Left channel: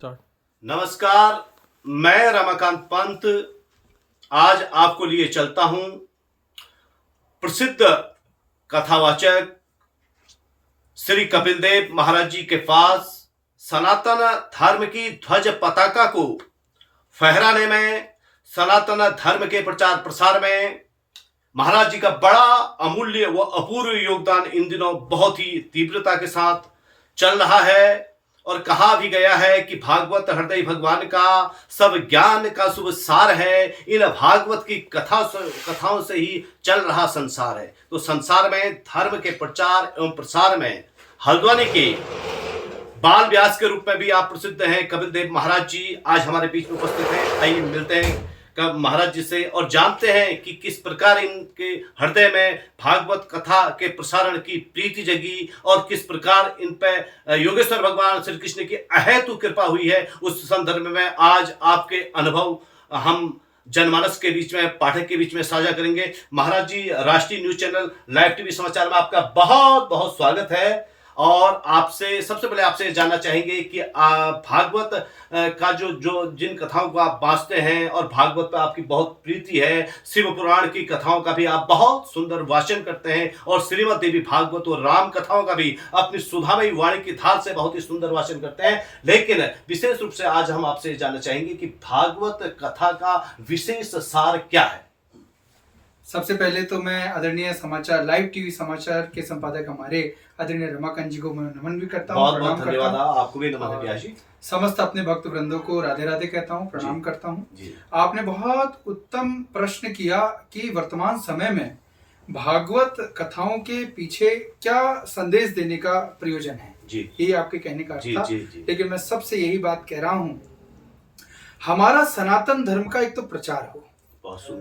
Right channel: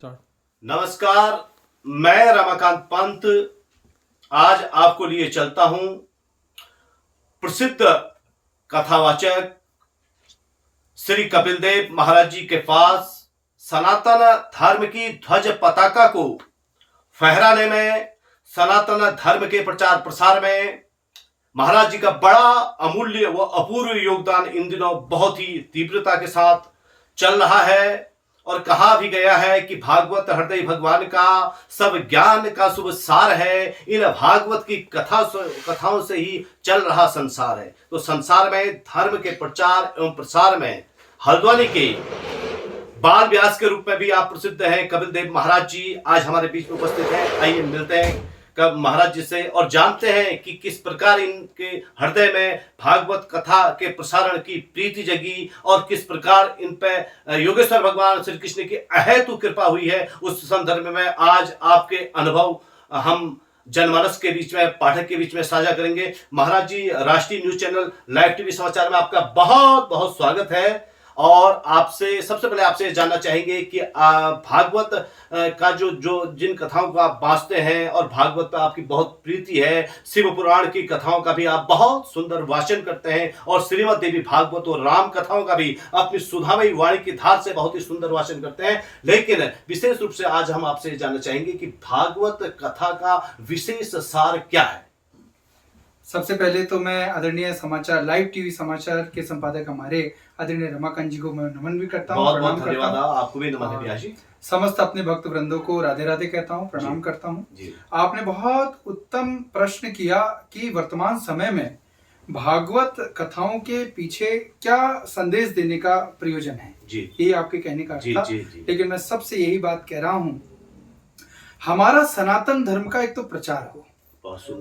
Start. नमस्कार। मैं रमाकांत पंत आज आपको लिए चलता हूं प्रसिद्ध कथावाचक श्री कपिल देव महाराज जी के पास सनातन धर्म की ध्वज पताका को फहराने में, सनातन धर्म के प्रचार प्रसार में महाराज जी का बड़ा अमूल्य व अपूर्व योगदान इन दिनों बहुत ही तीव्रता के साथ चल रहा है। और कहा भी गया है कि भागवत हृदय भगवान का सब ज्ञान का शुभ सार है। इन भागवत की कथाओं से ही चल रहा संसार है। तो संसार में धर्म के प्रचार एवं प्रसार में हल्द्वानी के बाल व्यास के रूप में भी आप प्रसिद्ध हैं कपिल देव महाराज जी आज हमारे बीच में उपस्थित हैं। आइए मिलते हैं कब महाराज जी से और जानते हैं कि किस प्रकार इनके हृदय में भागवत कथा के प्रसारण की प्रीति जगी और किस प्रकार इन पे योगेश्वर भगवान श्री कृष्ण की अहेतु कृपा हुई है। उस संदर्भ में आज आपके अनुभव हम जनमानस के बीच में, पाठक के बीच में साझा करेंगे। महाराज जी, राष्ट्रीय न्यूज चैनल लाइव टीवी समाचार में आपका बहुत बहुत स्वागत है। और आपसे सबसे पहले आपसे जानना चाहेंगे कि भागवत का जो जिन कथाओं को आप बांचते हैं और भागवत पर आपकी बहुत प्रीति है, शिव पुराण की कथाओं का भी आप बहुत सुंदर वाचन करते हैं और श्रीमद् देवी भागवत और राम कथाओं का भी अपनी सुधामयी वाणी की धार से बहुत ही सुंदर वाचन करते हैं। लेकिन विशेष रूप से आज हम आपसे जानना चाहेंगे कि भागवत कथा का विशेष सार क्या है। सबसे पहले तो मैं आदरणीय समाचार लाइव टीवी समाचार के संपादक हमारे आदरणीय रमाकांत जी को मैं नमन भी करता हूँ। बहुत बहुत धन्यवाद। आपको भी नमन है जी। समस्त अपने भक्त वृंदों को राधे राधे कहता हूँ, प्रणाम करता हूँ। आपने बहुत उत्तम प्रश्न किया कि वर्तमान समय में भागवत कथाओं के पीछे क्या संदेश देने का प्रयोजन है जी। यही आपके कहने का अर्थ था। लेकिन मैं सबसे यही बात कह रहा हूँ, हमारा सनातन धर्म का एक तो प्रचार हो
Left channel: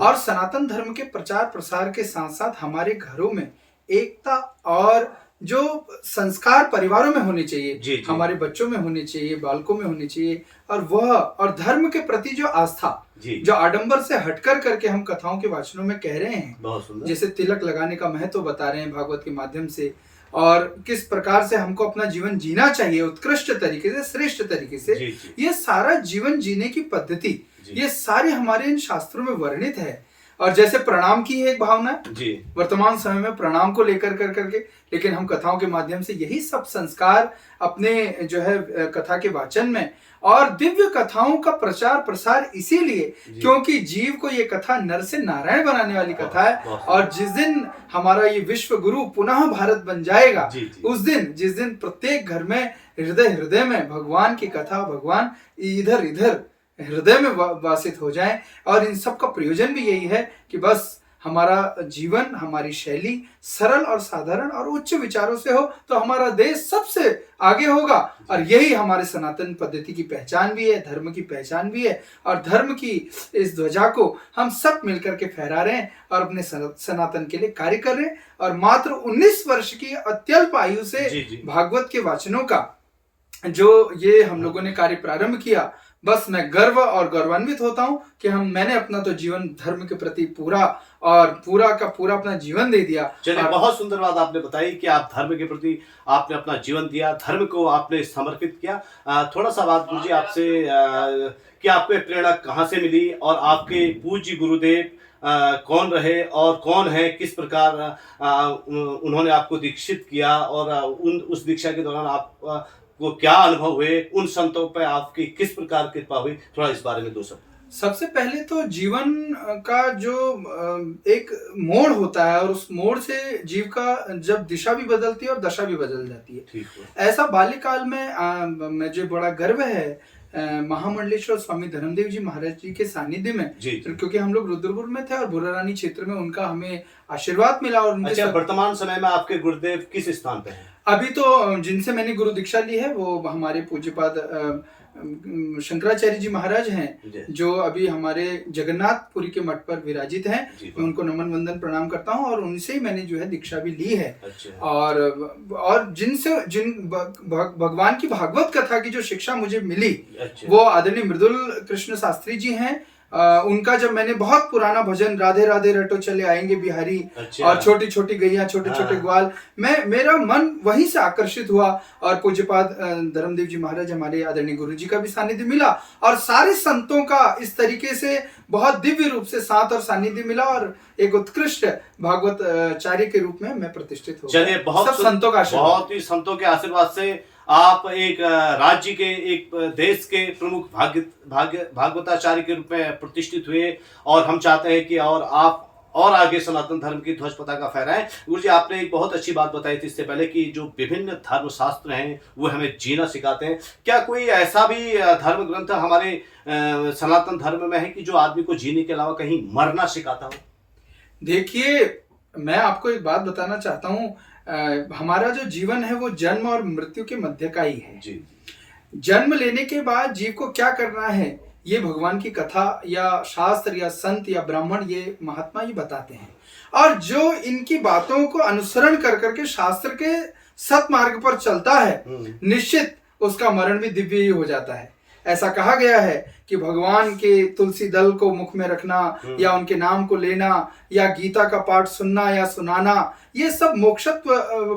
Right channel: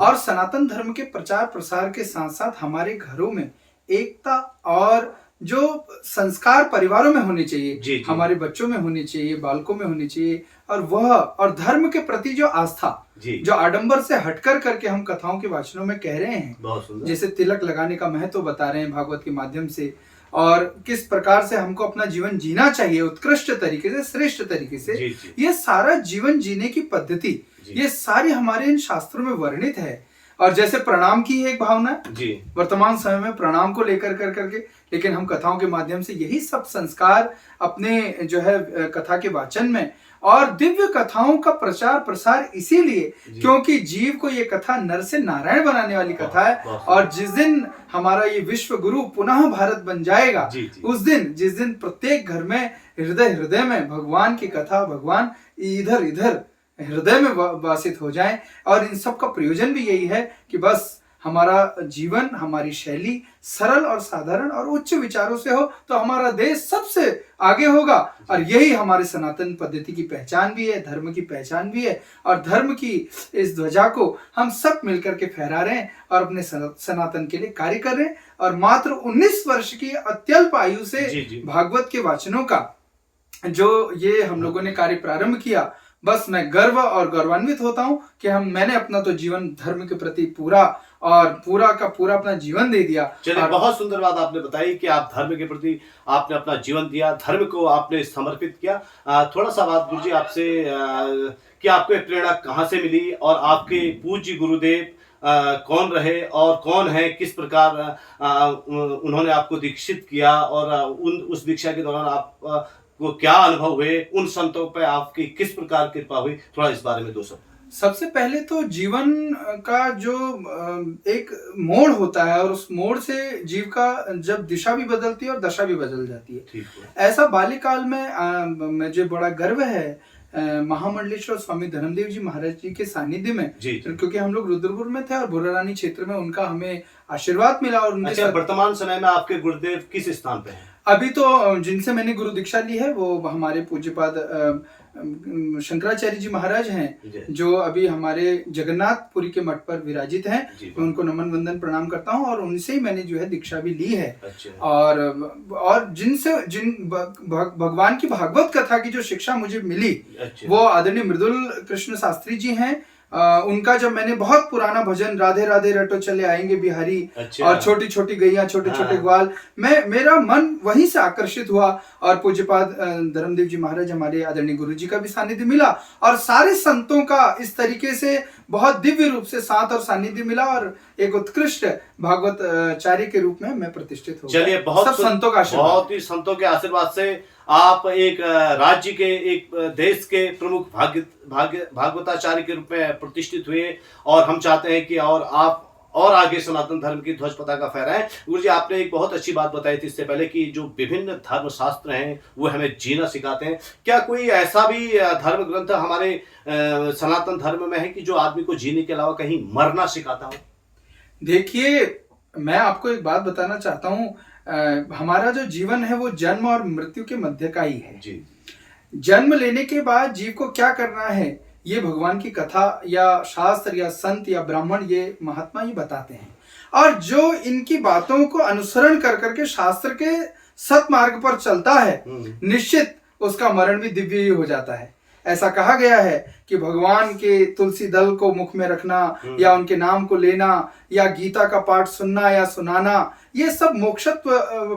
और सनातन धर्म के प्रचार प्रसार के साथ साथ हमारे घरों में एकता और जो संस्कार परिवारों में होने चाहिए जी। हमारे बच्चों में होने चाहिए, बालकों में होने चाहिए। और धर्म के प्रति जो आस्था जो आडंबर से हटकर करके हम कथाओं के वाचनों में कह रहे हैं, जैसे तिलक लगाने का महत्व बता रहे हैं भागवत के माध्यम से और किस प्रकार से हमको अपना जीवन जीना चाहिए उत्कृष्ट तरीके से, श्रेष्ठ तरीके से जी। ये सारा जीवन जीने की पद्धति ये सारी हमारे इन शास्त्रों में वर्णित है। और जैसे प्रणाम की एक भावना जी वर्तमान समय में प्रणाम को लेकर करके, लेकिन हम कथाओं के माध्यम से यही सब संस्कार अपने जो है कथा के वाचन में और दिव्य कथाओं का प्रचार प्रसार इसीलिए क्योंकि जीव को ये कथा नर से नारायण बनाने वाली कथा है। और जिस दिन हमारा ये विश्व गुरु पुनः भारत बन जाएगा उस दिन, जिस दिन प्रत्येक घर में हृदय में भगवान की कथा, भगवान इधर इधर हृदय में वासित हो जाए। और इन सब का प्रयोजन भी यही है कि बस हमारा जीवन, हमारी शैली सरल और साधारण और उच्च विचारों से हो तो हमारा देश सबसे आगे होगा। और यही हमारे सनातन पद्धति की पहचान भी है, धर्म की पहचान भी है। और धर्म की इस ध्वजा को हम सब मिलकर के फहरा रहे हैं और अपने सनातन के लिए कार्य कर रहे हैं। और मात्र 19 वर्ष की अत्यल्प आयु से भागवत के वाचनों का जो ये हम लोगों ने कार्य प्रारंभ किया, बस मैं गर्व और गौरवान्वित होता हूं कि मैंने अपना तो जीवन धर्म के प्रति पूरा का पूरा अपना जीवन दे दिया। चलिए, बहुत सुंदर बात आपने बताई कि आप धर्म के प्रति आपने अपना जीवन दिया, धर्म को आपने समर्पित किया। थोड़ा सा बात पूछिए आपसे कि आपको ये प्रेरणा कहाँ से मिली और आपके पूज्य गुरुदेव कौन रहे और कौन है, किस प्रकार उन्होंने आपको दीक्षित किया और उस दीक्षा के दौरान आप वो क्या अनुभव हुए, उन संतों पे आपकी किस प्रकार कृपा हुई, थोड़ा इस बारे में दो शब्द। सबसे पहले तो जीवन का जो एक मोड़ होता है और उस मोड़ से जीव का जब दिशा भी बदलती है और दशा भी बदल जाती है। ऐसा बाल्यकाल में मुझे बड़ा गर्व है महामंडलेश्वर स्वामी धर्मदेव जी महाराज जी के सानिध्य में क्योंकि हम लोग रुद्रपुर में थे और बुरारानी क्षेत्र में उनका हमें आशीर्वाद मिला। और अच्छा, वर्तमान समय में आपके गुरुदेव किस स्थान पे हैं? अभी तो जिनसे मैंने गुरु दीक्षा ली है वो हमारे पूज्यपाद शंकराचार्य जी महाराज हैं जो अभी हमारे जगन्नाथपुरी के मठ पर विराजित हैं। मैं उनको नमन वंदन प्रणाम करता हूं और उनसे ही मैंने जो है दीक्षा भी ली है। और जिन भगवान की भागवत कथा की जो शिक्षा मुझे मिली वो आदरणीय मृदुल कृष्ण शास्त्री जी हैं उनका जब मैंने बहुत पुराना भजन राधे राधे रटो चले आएंगे बिहारी, अच्छा। और छोटी छोटी गैया छोटे छोटे ग्वाल, मेरा मन वहीं से आकर्षित हुआ। और पूज्यपाद धर्मदेव जी महाराज हमारे आदरणीय गुरु जी का भी सानिध्य मिला, और सारे संतों का इस तरीके से बहुत दिव्य रूप से साथ और सानिध्य मिला, और एक उत्कृष्ट भागवत आचार्य के रूप में मैं प्रतिष्ठित हो। चलिए, बहुत संतों का आशीर्वाद, बहुत ही संतों के आशीर्वाद से आप एक राज्य के, एक देश के प्रमुख भागवताचार्य के रूप में प्रतिष्ठित हुए, और हम चाहते हैं कि और आप और आगे सनातन धर्म की ध्वज पताका फहराएं। गुरु जी, आपने एक बहुत अच्छी बात बताई थी इससे पहले कि जो विभिन्न धर्म शास्त्र हैं वो हमें जीना सिखाते हैं। क्या कोई ऐसा भी धर्म ग्रंथ हमारे सनातन धर्म में है कि जो आदमी को जीने के अलावा कहीं मरना सिखाता हो? देखिए, मैं आपको एक बात बताना चाहता हूँ, हमारा जो जीवन है वो जन्म और मृत्यु के मध्य का ही है। जी। जन्म लेने के बाद जीव को क्या करना है, ये भगवान की कथा या शास्त्र या संत या ब्राह्मण, ये महात्मा ही बताते हैं। और जो इनकी बातों को अनुसरण कर करके शास्त्र के सतमार्ग पर चलता है, निश्चित उसका मरण भी दिव्य ही हो जाता है। ऐसा कहा गया है कि भगवान के तुलसी दल को मुख में रखना, या उनके नाम को लेना, या गीता का पाठ सुनना या सुनाना, ये सब मोक्षत्व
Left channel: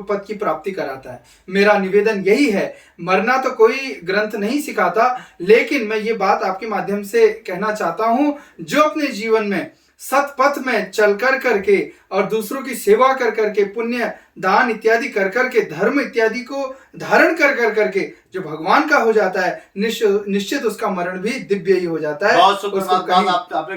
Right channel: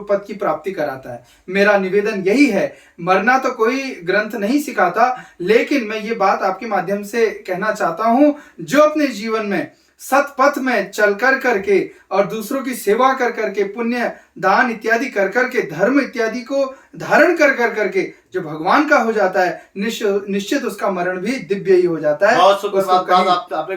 पद की प्राप्ति कराता है। मेरा निवेदन यही है, मरना तो कोई ग्रंथ नहीं सिखाता, लेकिन मैं ये बात आपके माध्यम से कहना चाहता हूं, जो अपने जीवन में सतपथ में चल कर करके और दूसरों की सेवा कर करके, पुण्य दान इत्यादि कर करके, धर्म इत्यादि को धारण कर कर करके जो भगवान का हो जाता है, निश्चित उसका मरण भी दिव्य ही हो जाता है। बहुत सुंदर बात आपने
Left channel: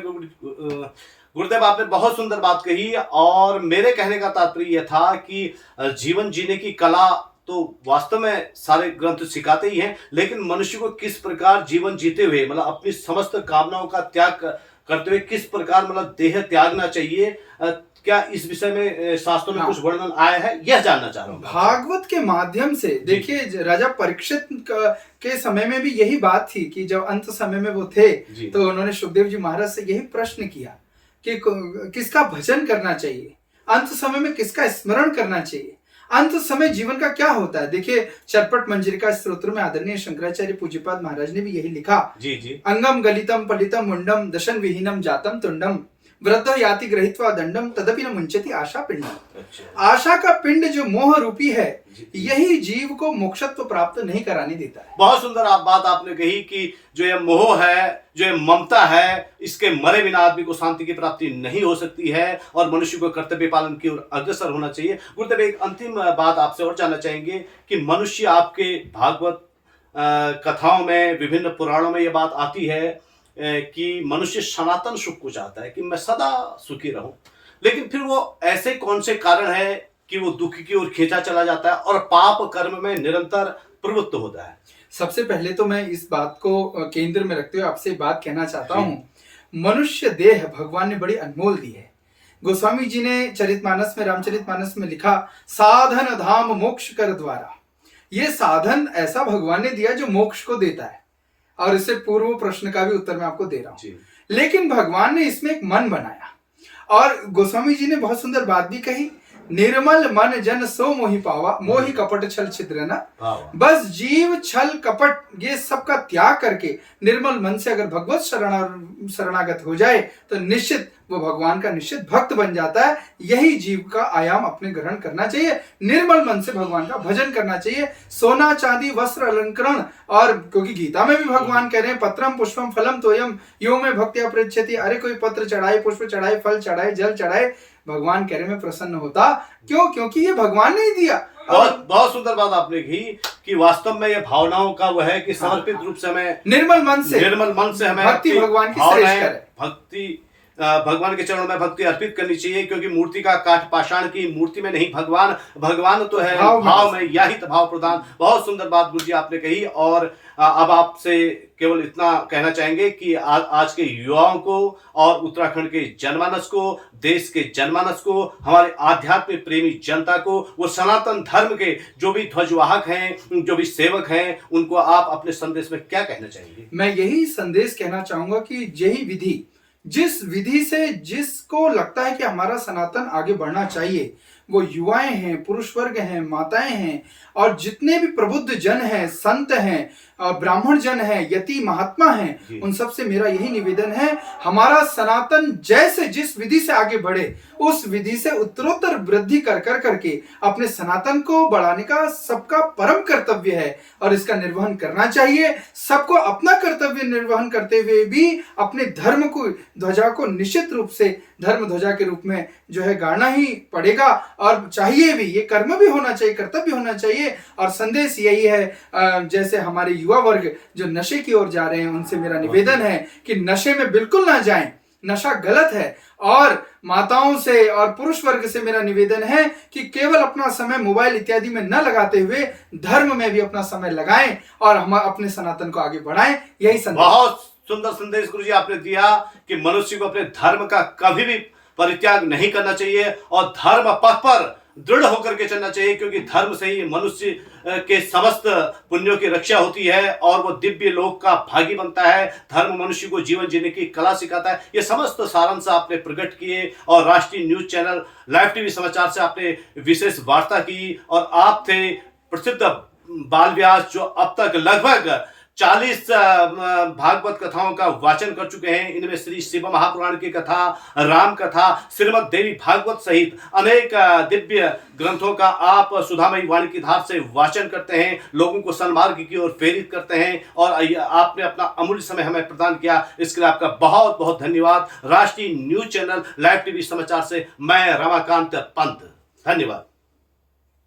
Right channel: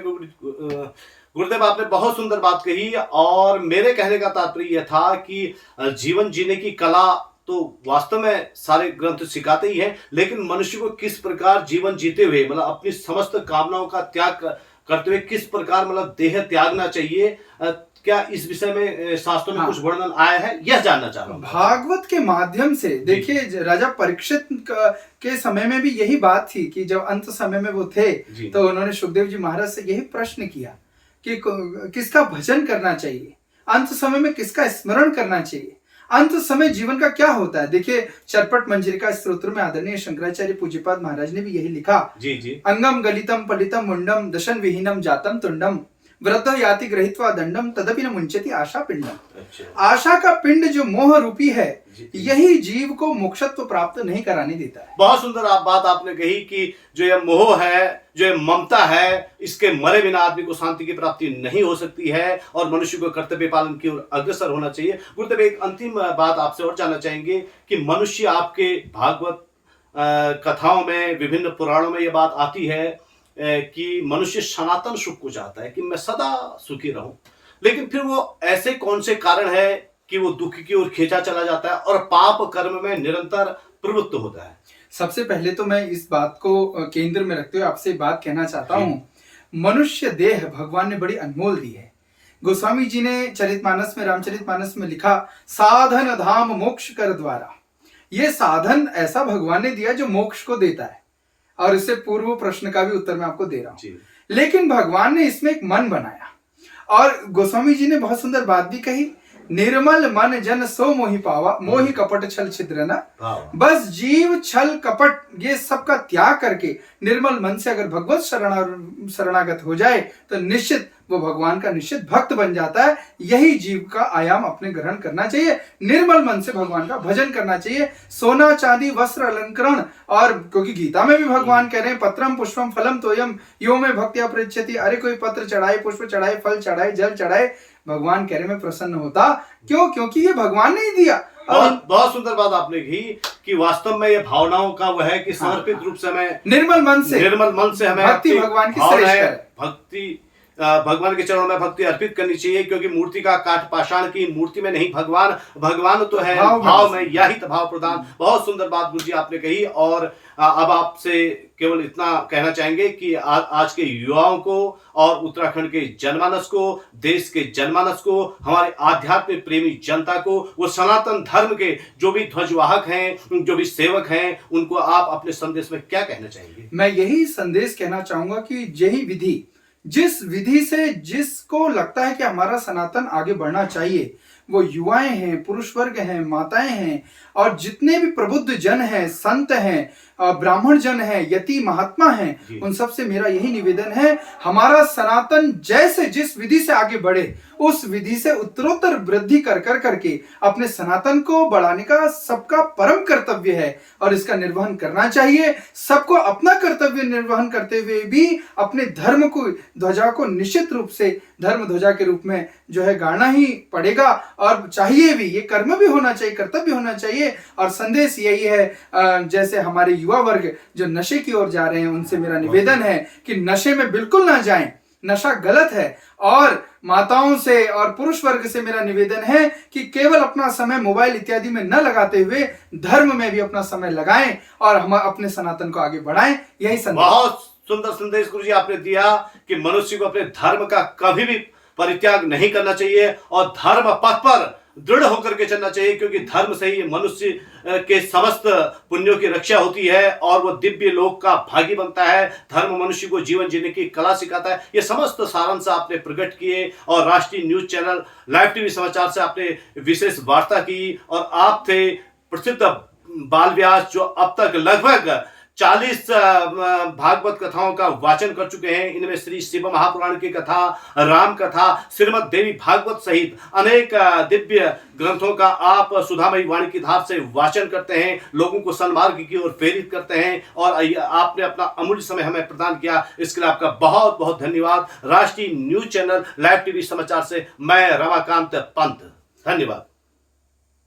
गुरुदेव, आपने बहुत सुंदर बात कही। और मेरे कहने का तात्पर्य यह था कि जीवन जीने की कला तो वास्तव में सारे ग्रंथ सिखाते ही हैं, लेकिन मनुष्य को किस प्रकार जीवन जीते हुए, मतलब अपनी समस्त कामनाओं का त्याग करते हुए किस प्रकार, मतलब देह त्यागना चाहिए, क्या इस विषय में शास्त्रों में कुछ वर्णन आया है, यह जानना चाह रहा हूँ। भागवत के माध्यम से देखिए, राजा परीक्षित के समय में भी यही बात थी कि जब अंत समय में वो थे, तो उन्होंने सुखदेव जी महाराज से यही प्रश्न किया कि किसका भजन करना चाहिए, अंत समय में किसका स्मरण करना चाहिए, अंत समय जीवन का क्या होता है। देखिए, चरपट मंजरिका स्तोत्र में आदरणीय शंकराचार्य पूज्यपाद महाराज ने भी यही लिखा, जी। अंगम गलितम पलितम मुंडम दशन विहीनम जातम तुंडम वृद्ध याति ग्रहित्वा दंडम तदपि न मुंचति आशा पिंडम। अच्छा। आशा का पिंड जो मोह रूपी है, यही जीव को मोक्षत्व प्राप्त नहीं कराने देता है। बहुत सुंदर बात आपने कही कि जो ये मोह है, जो ये ममता है, इसके मरे बिना आदमी को शांति की प्राप्ति नहीं हो सकती है, और मनुष्य को कर्तव्य पालन की ओर अग्रसर होना चाहिए। गुरुदेव, एक अंतिम बात आपसे और जानना चाहेंगे कि मनुष्य, आपके भागवत कथाओं में, विभिन्न पुराणों में यह बात आती है कि मनुष्य सनातन सुख को चाहता है कि मैं सदा सुखी रहूं, लेकिन फिर वो ऐसे कौन से कारण है कि वो दुख की ओर खींचा चला जाता है और पाप कर्म में निरंतर प्रवृत्त होता है? सबसे पहले तो मैं इस बात को केंद्र में रखते हुए आपसे बात कहना चाहता हूँ, मनुष्य देह भगवान ने बड़ी अनमोल दी है। गोस्वामी जी ने चरितमानस में, रामचरितमानस में लिखा, साधन धाम मोक्ष कर द्वारा। ये साधन ऐसा भगवान ने दिया जो मोक्ष को देता है, और इससे पूर्व प्रश्न का भी उत्तर मैं आपको दे रहा हूं। लेकिन भगवान ने इसमें एक मन बनाया, और गोस्वामी जी ने बहुत सुंदर बात भी कही, निर्मल मन जन सो मोहि पावा, मोहि कपट छल छिद्र न। बस जीव छल कपट ये सब का त्याग करके निर्मल मन से अगर भगवत शरणागत हो जाए, तो निश्चित वो भगवान का निश्चित भक्त बन जाता है। यही जीव का आयाम अपने ग्रहण करना चाहिए, निर्मल मन से भगवान का भजन करना चाहिए। सोना चांदी वस्त्र अलंकरण, और क्योंकि गीता में भी भगवान कह रहे हैं, पत्रम पुष्पम फलम तोयम यो में भक्त्या पृच्छति। अरे कोई पत्र चढ़ाए, पुष्प चढ़ाए, फल चढ़ाए, जल चढ़ाए, भगवान कह रहे में प्रसन्न होता। क्यों? क्योंकि ये भगवान ने ही दिया। बहुत सुंदर बात आपने की कि वास्तव में ये भावनाओं का वो है कि समर्पित रूप से हमें निर्मल मन से हमें भक्ति, भगवान की श्रेष्ठ है, भक्ति भगवान के चरणों में भक्ति अर्पित करनी चाहिए, क्योंकि मूर्ति का काठ पाषाण की, मूर्ति में नहीं भगवान तो है भाव में, यही तो भाव प्रदान। बहुत सुंदर बात गुरु जी आपने कही। और अब आपसे केवल इतना कहना चाहेंगे कि आज के युवाओं को और उत्तराखंड के जनमानस को, देश के जनमानस को, हमारे आध्यात्मिक प्रेमी जनता को, वो सनातन धर्म के जो भी ध्वजवाहक हैं, जो भी सेवक हैं, उनको आप अपने संदेश में क्या कहना चाहेंगे? मैं यही संदेश कहना चाहूंगा कि यही विधि, जिस विधि से जिसको लगता है कि हमारा सनातन आगे बढ़ना चाहिए, वो युवाएं हैं, पुरुष वर्ग हैं, माताएं हैं, और जितने भी प्रबुद्ध जन हैं, संत हैं, ब्राह्मण जन है, यति महात्मा हैं, उन सब से मेरा यही निवेदन है, हमारा सनातन जैसे जिस विधि से आगे बढ़े उस विधि से उत्तरोत्तर वृद्धि कर करके अपने सनातन को बढ़ाने का सबका परम कर्तव्य है और इसका निर्वहन करना चाहिए। सबको अपना कर्तव्य निर्वहन करते हुए भी अपने धर्म को, ध्वजा को निश्चित रूप से धर्म ध्वजा के रूप में जो है गाड़ना ही पड़ेगा और चाहिए भी। ये कर्म भी होना चाहिए, कर्तव्य होना चाहिए। और संदेश यही है, जैसे हमारे युवा वर्ग जो नशे की ओर जा रहे हैं उनसे मेरा निवेदन है कि नशे में बिल्कुल ना जाएं, नशा गलत है। और माताओं से और पुरुष वर्ग से मेरा निवेदन है कि केवल अपना समय मोबाइल इत्यादि में न लगाते हुए धर्म में भी अपना समय लगाएं और हम अपने सनातन को आगे बढ़ाएं। यही संदेश। बहुत सुंदर संदेश गुरु जी आपने दिया कि मनुष्य को अपने धर्म का कभी भी परित्याग नहीं करना चाहिए और धर्म पथ पर दृढ़ होकर के चलना चाहिए, क्योंकि धर्म से ही मनुष्य के समस्त पुण्यों की रक्षा होती है और वो दिव्य लोक का भागी बनता है। धर्म मनुष्य को जीवन जीने की कला सिखाता है। ये समस्त सारांश आपने प्रकट किए और राष्ट्रीय न्यूज चैनल लाइव टीवी समाचार से आपने विशेष वार्ता की और आप थे प्रसिद्ध बाल व्यास जो अब तक लगभग 40 भागवत कथाओं का वाचन कर चुके हैं। इनमें श्री शिव महापुराण की कथा, राम कथा, श्रीमद् देवी भागवत सहित अनेक दिव्य ग्रंथों का आप सुधामयी वाणी की धार से वाचन करते हैं, लोगों को सन्मार्ग की ओर प्रेरित करते हैं और आपने अपना अमूल्य समय हमें प्रदान किया। इसके लिए आपका बहुत बहुत धन्यवाद। राष्ट्रीय न्यूज चैनल लाइव टीवी समाचार से मैं रमाकांत पंत, धन्यवाद।